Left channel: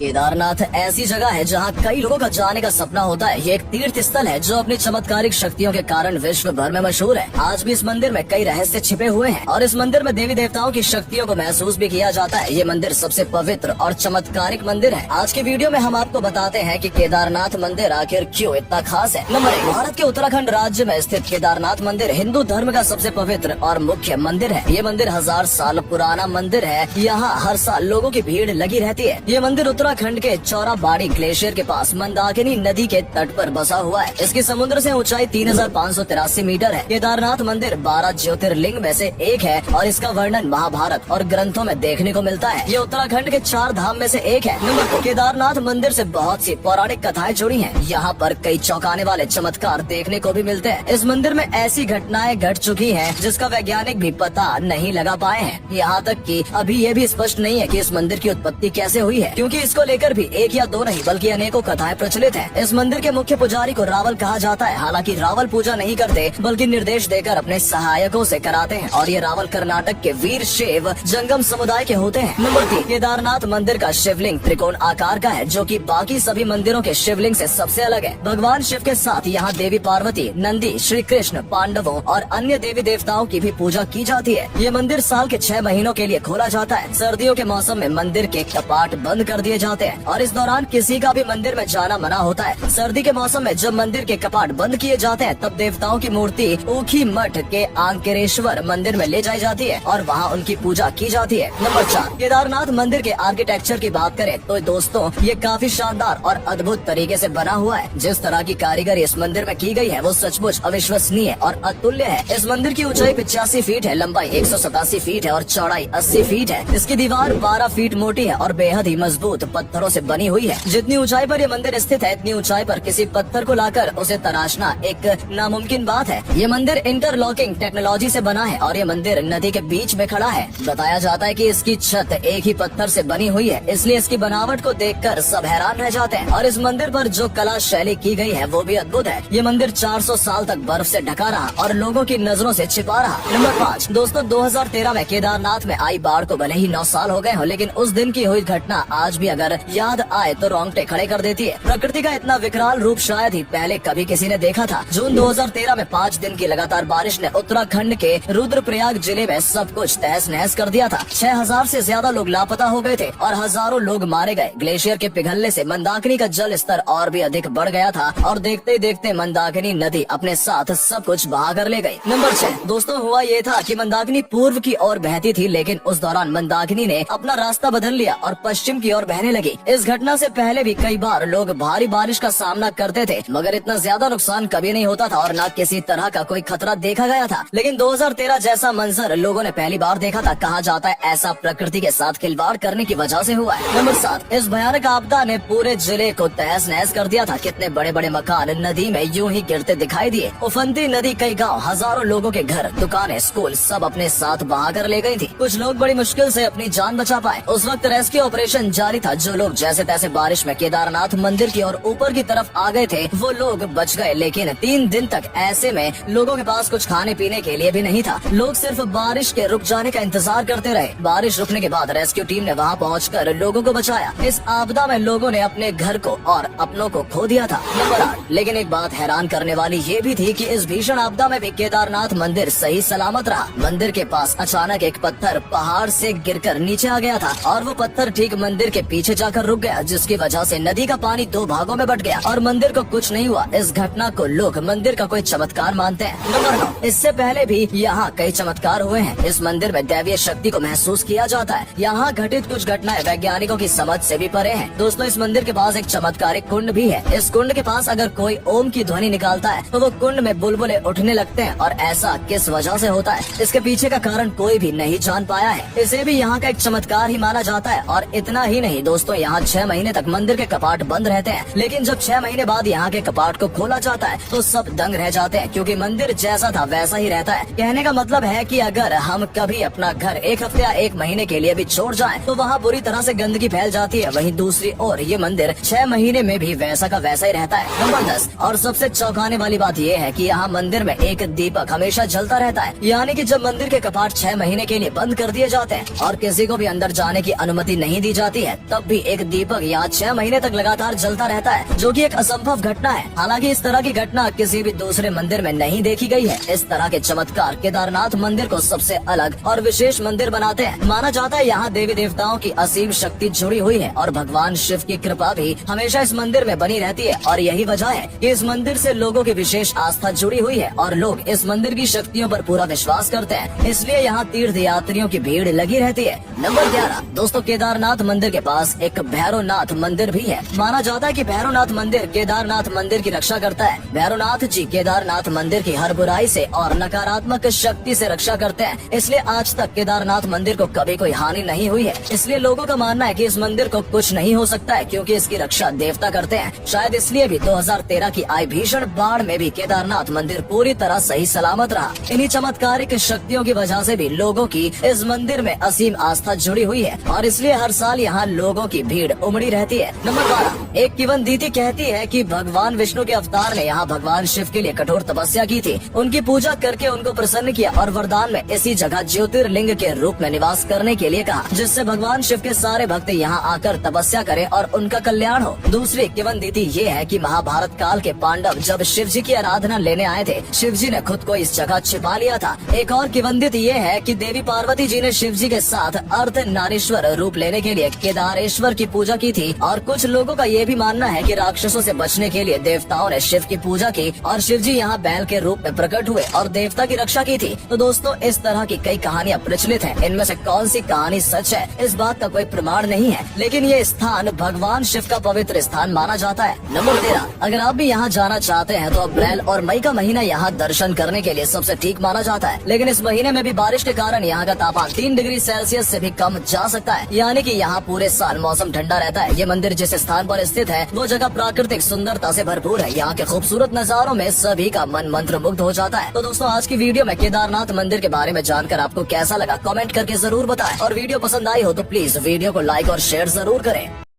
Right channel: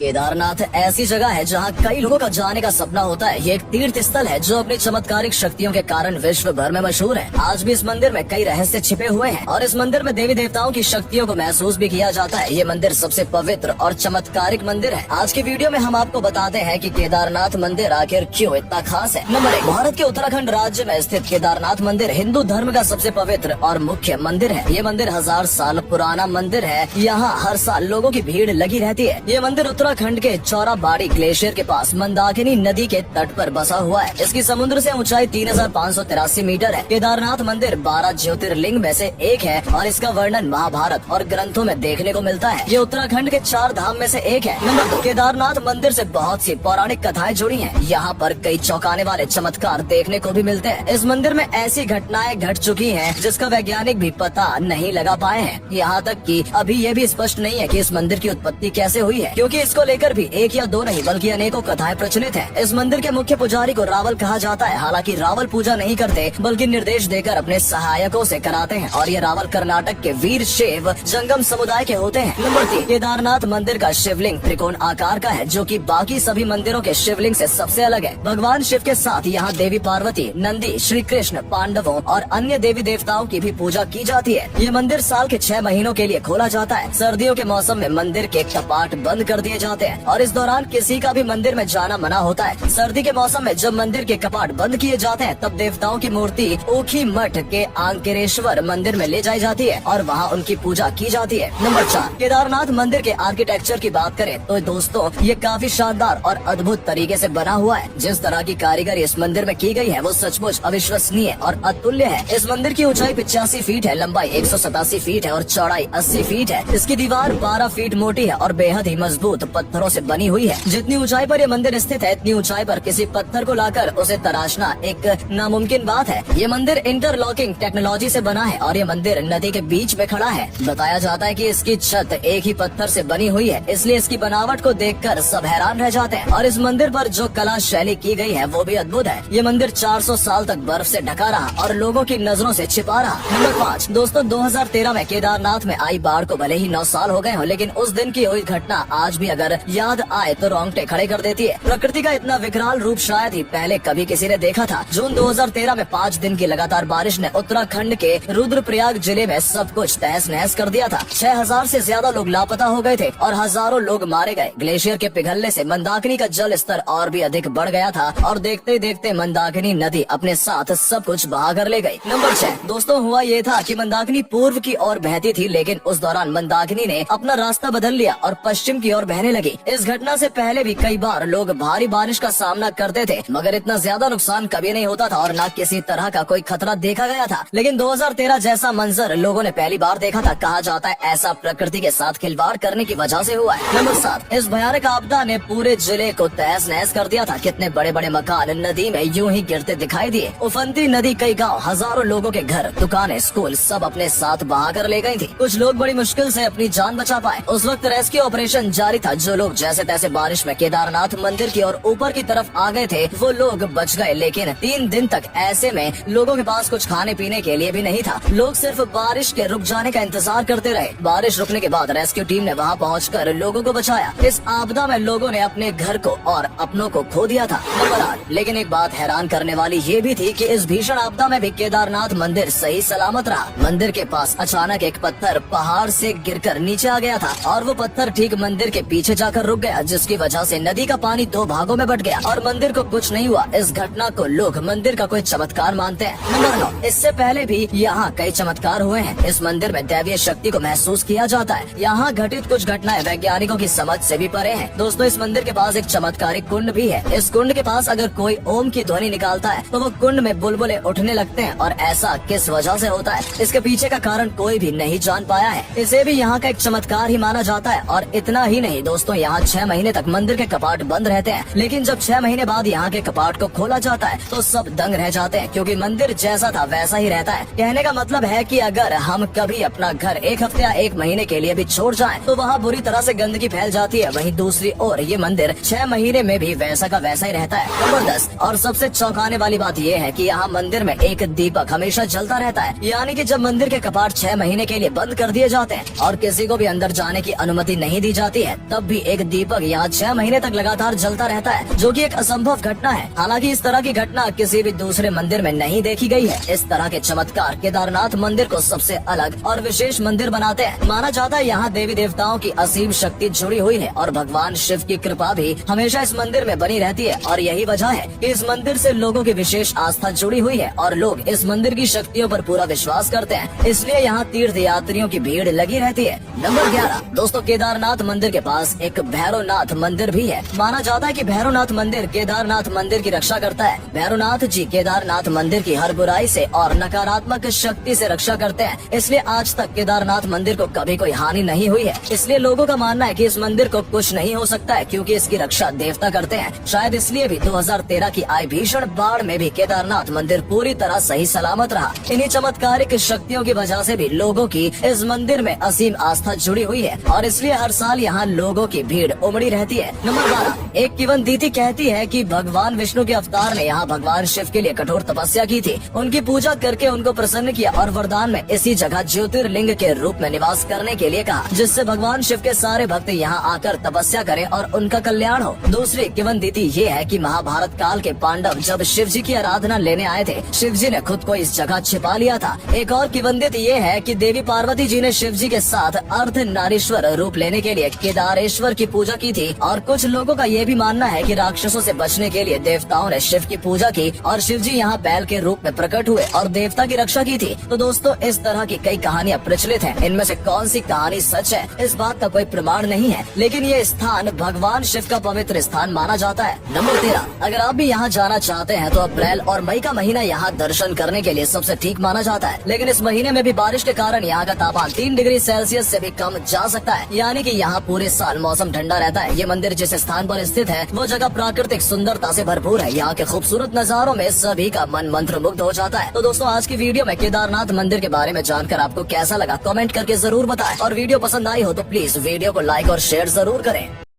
केदारनाथ ऐसी जगह है जहां कई लोगों का जाने का सपना होता है। ये एक तीर्थ स्थल है जो अपनी चमत्कारिक शक्तियों के कारण विश्व भर में मशहूर है। आज भी इस मंदिर में कई रहस्य छिपे हुए हैं और इस मंदिर में देवी देवताओं की शक्तियों को महसूस भी किया जाता है। ये मंदिर सबसे पवित्र और चमत्कारिक मंदिर है। आज की वीडियो में हम आपको बताते हैं कि केदारनाथ मंदिर आखिर क्यों इतना खास है। नंबर 1, भारत के उत्तराखंड राज्य में स्थित केदारनाथ मंदिर हिंदू धर्म का सबसे पवित्र और मुख्य मंदिर है। ये मंदिर 1000 साल पुराना मंदिर है। यहाँ हर साल लोगों की भीड़ लगी रहती है। ये मंदिर उत्तराखंड के चौराबाड़ी ग्लेशियर के पास मंदाकिनी नदी के तट पर बसा हुआ है। इसकी समुद्र से ऊंचाई 3583 मीटर है। केदारनाथ मंदिर 12 ज्योतिर्लिंग में से एक है और इसका वर्णन महाभारत और ग्रंथों में देखने को मिलता है। ये उत्तराखंड के 4 धाम में से एक है। नंबर 2, केदारनाथ मंदिर से बहुत सी पौराणिक कथाएं जुड़ी हैं। यहाँ पर कई चौंकाने वाले चमत्कार देखने को भी मिलते हैं। इस मंदिर में ऐसी घटनाएं घट चुकी हैं जिसका वैज्ञानिक भी पता नहीं लगा पाए हैं। यहाँ तक कि अभी ये भी स्पष्ट नहीं है कि इस मंदिर की उत्पत्ति कैसे हुई है, क्योंकि इसको लेकर भी एक या दो नहीं बल्कि अनेकों कथाएं प्रचलित हैं। इस मंदिर के मुख्य पुजारी को रावल कहा जाता है। हालांकि रावल पूजा नहीं करते बल्कि निर्देश देकर अपने सहायकों से कराते हैं और ये रावल कर्नाटक के वीर शैव जंगम समुदाय के होते हैं। नंबर 3, केदारनाथ मंदिर का शिवलिंग त्रिकोण आकार का है, जो कि बाकी सभी मंदिरों के शिवलिंग से सबसे अलग है। भगवान शिव के साथ यहाँ देवी पार्वती, नंदी, श्री कृष्ण, पांडवों और अन्य देवी देवताओं की भी पूजा की जाती है। ये मंदिर साल के 6 महीनों के लिए खोला जाता है। सर्दियों के मौसम में मंदिर के कपाट बंद कर दिए जाते हैं और इस दौरान किसी का भी मंदिर में जाना मना होता है। सर्दी के मौसम में जब मंदिर के कपाट बंद किए जाते हैं तब देवताओं की मूर्ति ओखी मठ के आंकेरेश्वर मंदिर में ले जाई जाती है और वहाँ उनकी पूजा की जाती है। नंबर 4, केदारनाथ मंदिर के आर्किटेक्चर की बात करें तो दोस्तों ये काफी शानदार और अद्भुत तरीके से बना हुआ है। जिस तरह की कारीगरी इस मंदिर में की गई है वो सचमुच अविश्वसनीय और अतुल्य है। इस मंदिर की ऊंचाई 85 फीट है, लंबाई 187 फीट है और चौड़ाई 80 फीट है। इसकी दीवार 12 फीट मोटी है और बेहद ही मजबूत पत्थरों से बनी हुई है। जितनी ऊंचाई पर ये मंदिर स्थित है इतनी ऊंचाई पर किसी पत्थर को लाकर उसे तराशना एक नामुमकिन बात है। ये मंदिर इंटरलॉकिंग टेक्नोलॉजी से बना है और ये मंदिर नदी के बीच में खड़ा है। बताया जाता है कि इसकी छत एक ही पत्थर से बनी हुई है, इसलिए इसकी बनावट को देखकर सब हैरान रह जाते हैं। और इस मंदिर पर जो कला शैली की गई है वो भी अद्भुत है। ये मंदिर 400 साल तक बर्फ से ढका रहा और लोगों की नजरों से छिपा रहा। नंबर 5, दोस्तों 2013 में केदारनाथ में आई बाढ़ को भले ही 9 साल हो गए हो, लेकिन उस दिन की हुई घटना आज भी अगर याद आए तो रोंगटे खड़े कर देती है। प्रकृति का इतना विकराल रूप शायद ही पहले कभी किसी ने देखा था। जून 2013 में 5 दिन की लगातार बारिश ने उत्तराखंड के रुद्रप्रयाग जिले में सब कुछ तहस नहस कर दिया था। 6000 से ज्यादा लोग लापता हो गए थे और हजारों लोग मारे गए। ग्लेशियर के पिघलने से मंदाकिनी का जल स्तर और भी अधिक बढ़ गया था और देखते ही देखते मंदाकिनी नदी अपने साथ सब कुछ बहा कर ले गई। नंबर 6, दोस्तों हुआ ये था कि मंदाकिनी पूर्व की ओर बहती थी, लेकिन उस दौरान मंदाकिनी ने अपना रास्ता बदल लिया और पश्चिम की ओर बहने लगी। इस घटना से पहले भी कई बार लोग भारी बारिश का सामना करते थे, मगर इतना ज्यादा नुकसान कभी नहीं होता था और न किसी तरह का कोई खतरा देखा गया था। लेकिन 2013 जैसा मंजर लोगों ने पहली बार देखा था। कहा जाता है ऐसा प्रकृति के साथ खिलवाड़ करने की वजह से हुआ है। नंबर 7, इस भयानक आपदा ने पूरे जिले को तहस नहस कर दिया था। कितने बड़े बड़े मकान नदी में यूं ही गिरते दिखाई दिए। उफनती नदी कई गाँव, हजारों लोगों के घर, दुकानें, स्कूल सब अपने साथ बहा कर ले गयी थी। कुछ लोग बड़ी मुश्किल से अपनी जान बचा पाए। उस वक्त रेस्क्यू ऑपरेशन जारी था। जो लोग जैसे तैसे बारिश में केदारनाथ मंदिर की और ऊपर की तरफ आ गए थे वो लोग बच गए, लेकिन 3 दिन तक ऐसे में लोगों के पास कुछ खाने पीने के लिए भी नहीं था। लोग सिर्फ बारिश के रुक जाने का इंतजार करते रहे। बारिश रुकने के बाद रेस्क्यू टीम ने वहां पहुंचकर लोगों को बचाया। इस आपदा में लोगों ने अपने घर को और अपनों को खो दिया था। नंबर 8, लेकिन एक बात हैरान करने वाली ये भी थी कि इस भीषण आपदा में भी केदारनाथ मंदिर सही सलामत रहा। मंदिर के पास अचानक एक पत्थर पहाड़ से गिरकर नीचे आ गया था और वो पत्थर ठीक मंदिर के पीछे जाकर रुक गया, जिसकी वजह से नदी का पानी 2 भागों में बट गया और मंदिर को कुछ नहीं हुआ। इस घटना को लोग मंदिर का कोई चमत्कार मानते हैं। नंबर 9, इससे पहले भी यहाँ कई चमत्कार हुए हैं। इस मंदिर में दैवीय शक्ति को महसूस किया जाता है। यहाँ घटित कुछ घटनाएं वैज्ञानिकों की समझ से भी परे हैं। दोस्तों इस मंदिर के पास एक चमत्कारिक कुंड भी है। इस कुंड के पास अगर कोई ओम की ध्वनि निकालता है तो वो कुंड में बुलबुले उठने लगते हैं और ऐसा किस वजह से होता है इसके पीछे का कारण कोई भी नहीं जान पाया है। इसे भी यहाँ का एक चमत्कार ही माना जाता है। और इतना ही नहीं दोस्तों, यहाँ 6 महीने तक मंदिर के कपाट बंद रहते हैं, लेकिन जब 6 महीने बाद यहाँ के कपाट को खोला जाता है तो सब दंग रह जाते हैं, क्योंकि मंदिर जैसा था वैसा ही रहता है। कहने का मतलब है कि अगर हम कभी अपना घर 1 हफ्ते या 1 महीने के लिए भी छोड़ जाएं तो वहाँ बुरी तरह से गंदगी फैल जाती है। वहीं दूसरी ओर ये मंदिर 6 महीने में भी वैसा का वैसा ही रहता है। नंबर 10, और सबसे चौंकाने वाली बात ये है कि यहाँ मंदिर में एक दीपक हमेशा जलता रहता है। यानी कि जब मंदिर के कपाट 6 महीने के लिए बंद कर दिए जाते हैं और किसी को भी अंदर जाने की अनुमति नहीं दी जाती है, तब भी एक दीपक यहाँ 6 महीने तक लगातार जलता रहता है, जो कि एक असंभव घटना है। हालांकि इस तरह की घटना किसी भी दूसरे मंदिर में नहीं देखी गई है। इस तरह के चमत्कार केदारनाथ मंदिर को सबसे अलग और विशेष मंदिर बनाते हैं। माना जाता है यहाँ देवी देवताओं की असीम शक्ति जुड़ी हुई है और भगवान शिव की कृपा भी हमेशा इस मंदिर में बनी रहती है। और यही वजह है कि इस मंदिर से लोगों की विशेष आस्था जुड़ी हुई है और लोग इस मंदिर की शक्तियों पर पूरा विश्वास करते हैं। इसलिए यहाँ तीर्थ यात्रियों की भीड़ लगी रहती है। नंबर 11 दोस्तों, केदारनाथ मंदिर के पास एक भैरवनाथ मंदिर भी है। माना जाता है कि भैरवनाथ मंदिर केदारनाथ मंदिर की रक्षा करता है। भैरवनाथ जी केदारनाथ मंदिर की हर बुराई से और नकारात्मक शक्ति से रक्षा करते हैं। इसलिए आज तक केदारनाथ मंदिर को कभी कोई हानि नहीं हुई है। इसलिए लोगों का मानना है कि इस मंदिर को कुछ नहीं हो सकता है, क्योंकि इसकी रक्षा देवता करते हैं। शायद इसलिए भी 2013 की आई भीषण बाढ़ में भी केदारनाथ मंदिर पूरी तरह सही सलामत रहा। इन्हीं चमत्कारिक शक्तियों की वजह से भी लोगों की इस मंदिर में असीम आस्था जुड़ी हुई है और इसलिए हर साल यहाँ लोगों की भीड़ उमड़ी रहती है। नंबर 12 एक किंवदंती कहती है कि भगवान विष्णु के अवतार ने यहाँ भगवान शिव के लिए कठोर तपस्या की थी। उनकी पूजा करके उनको प्रसन्न किया और वरदान में इसी जगह ज्योतिर्लिंग के रूप में निवास करने के लिए कहा, जिससे भगवान शिव के सारे भक्त यहाँ आकर तपस्या करें और उनका कल्याण हो। दूसरी किंवदंती ये है कि महाभारत काल के पांडव जब शिव जी की आराधना लेने आए थे, शिव जी ने खुद को इस जगह छिपा लिया था। एक और किंवदंती ये है कि देवी पार्वती जी ने शिव जी के साथ अर्धनारीश्वर रूप लेने के लिए केदारेश्वर की पूजा की थी। और कुछ लोगों का ये भी मानना है कि राक्षसों से बचने के लिए देवताओं ने शिव की पूजा की और शिव जी यहाँ बैल के रूप में प्रकट हुए और देवता की रक्षा की थी। तो दोस्तों, इस तरह की कई कहानियाँ प्रचलित हैं। इनमें से कौन सी कहानी सच है, इस बात का कोई प्रमाण नहीं है, लेकिन ये स्थान भगवान शिव का पवित्र स्थान माना जाता है। नंबर 13 अगर आप भी यहाँ जाना चाहते हैं तो अप्रैल और मई का महीना यहाँ दर्शन करने के लिए सबसे ठीक माना जाता है। लेकिन इस महीने में भी बारिश के कारण यहाँ का तापमान 3 डिग्री सेल्सियस से भी कम जा सकता है, यानी कि यहाँ पूरे साल मौसम ठंडा रहता है। ये मंदिर जिस स्थान पर स्थित है वो जगह प्राकृतिक सुंदरता से भरपूर है। यहाँ के खूबसूरत नजारों में सभी का मन मंत्र मुग्ध हो जाता है। तो दोस्तों, आज की वीडियो में केदारनाथ मंदिर के बारे में जानकर आपको कैसा लगा कमेंट करके जरूर बताएं और वीडियो पसंद आई हो तो प्लीज वीडियो को लाइक और शेयर जरूर करें।